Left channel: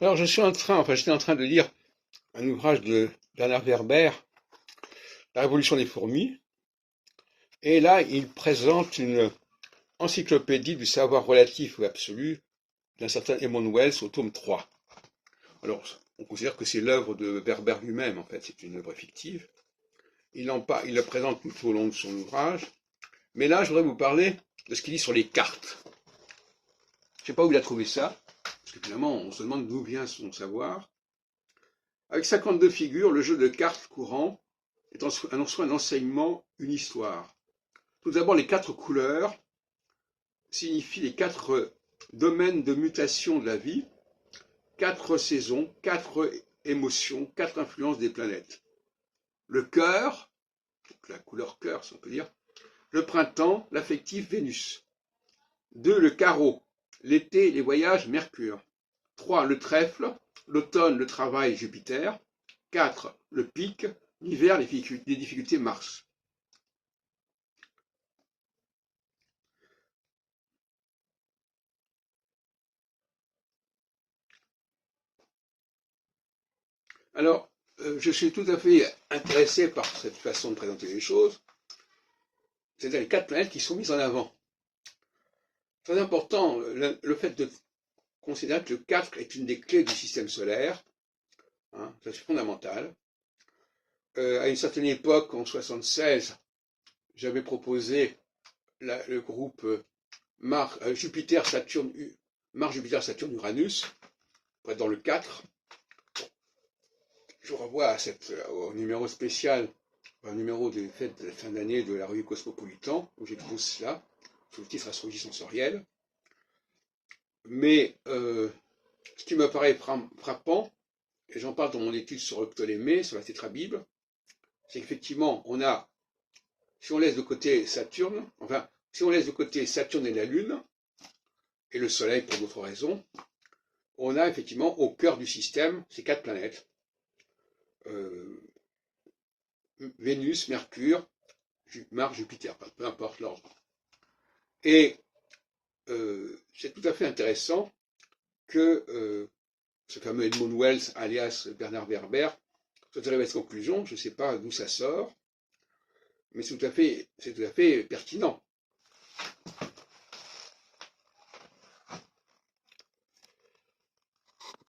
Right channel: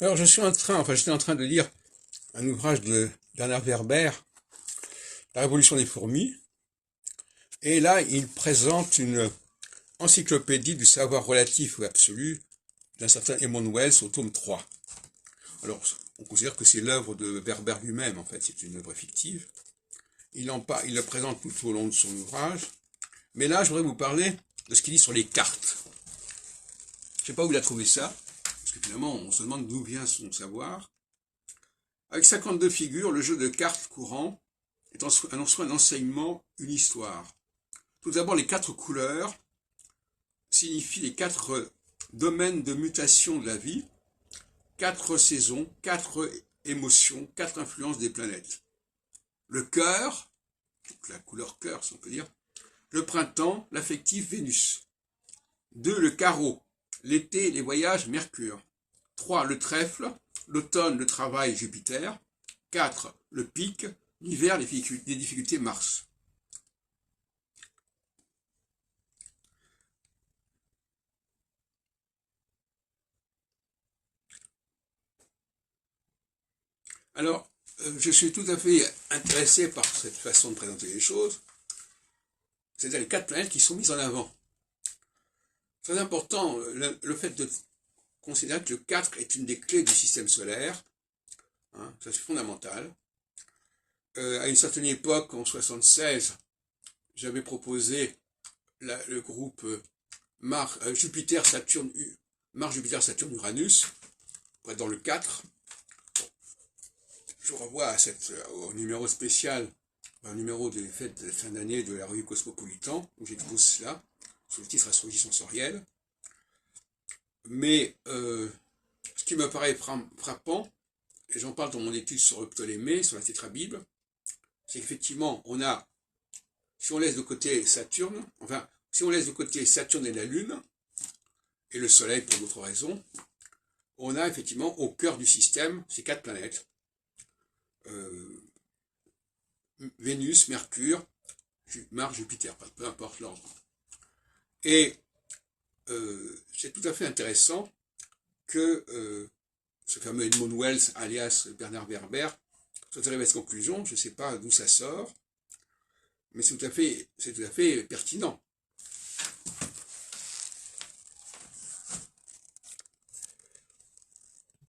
Alors, j'étais en train de lire un ouvrage de Bernard Werber, La Révolution des fourmis, et là, il présente une encyclopédie du savoir relatif ou absolu d'un certain Edmund Wells au tome 3. Alors, on considère que c'est l'œuvre de Werber lui-même, en fait, c'est une œuvre fictive. Il la présente tout au long de son ouvrage, mais là, je voudrais vous parler de ce qu'il dit sur les cartes. Je ne sais pas où il a trouvé ça, parce que finalement, on se demande d'où vient son savoir. Avec 52 figures, le jeu de cartes courant est en soi un enseignement, une histoire. Tout d'abord, les 4 couleurs signifient les 4 domaines de mutation de la vie, 4 saisons, 4 émotions, 4 influences des planètes. Le cœur, donc la couleur cœur, si on peut dire, le printemps, l'affectif Vénus. 2, le carreau, l'été, les voyages, Mercure. 3, le trèfle, l'automne, le travail, Jupiter. 4, le pic, l'hiver, les difficultés, Mars. Alors, je suis tout à fait intéressé par cette façon de présenter les choses, c'est-à-dire les 4 planètes qui sont mises en avant. Très important, le fait de considérer que le 4 est une des clés du système solaire, hein, ça c'est fondamental. À une certaine époque, en 76, j'avais proposé le groupe Jupiter, Saturne, Mars, Jupiter, Saturne, Uranus, pour être dans le 4. Je vous renvoie au numéro spécial, un numéro des fêtes de fin d'année de la revue Cosmopolitan, où j'expose cela, sous le titre Astrologie sensorielle. Mais ce qui me paraît frappant, et j'en parle dans mon étude sur le Ptolémée, sur la tétrabible, c'est qu'effectivement, si on laisse de côté Saturne, si on laisse de côté Saturne et la Lune, et le Soleil pour d'autres raisons, on a effectivement au cœur du système ces 4 planètes. Vénus, Mercure, Mars, Jupiter, peu importe l'ordre. Et c'est tout à fait intéressant que ce fameux Edmund Wells, alias Bernard Werber, soit arrivé à cette conclusion. Je ne sais pas d'où ça sort, mais c'est tout à fait pertinent.